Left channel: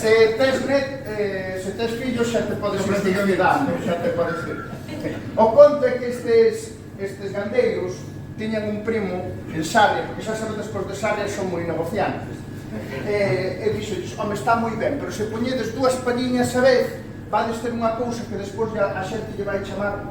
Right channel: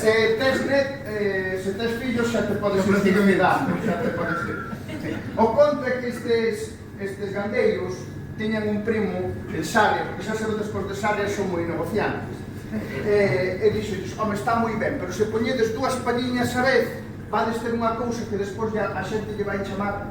Se tes fillos xa te podes ir cuidando, xa te podes ir. O conto é que estes gandeiros tiñan un primo en Sarria, porque xa sabedes que os de Sarria son moi negociantes. E dixolles, home, está moi ben, pero se poñedes dúas palliñas a vez, vades ter unha cousa que despois a xente lle vai chamar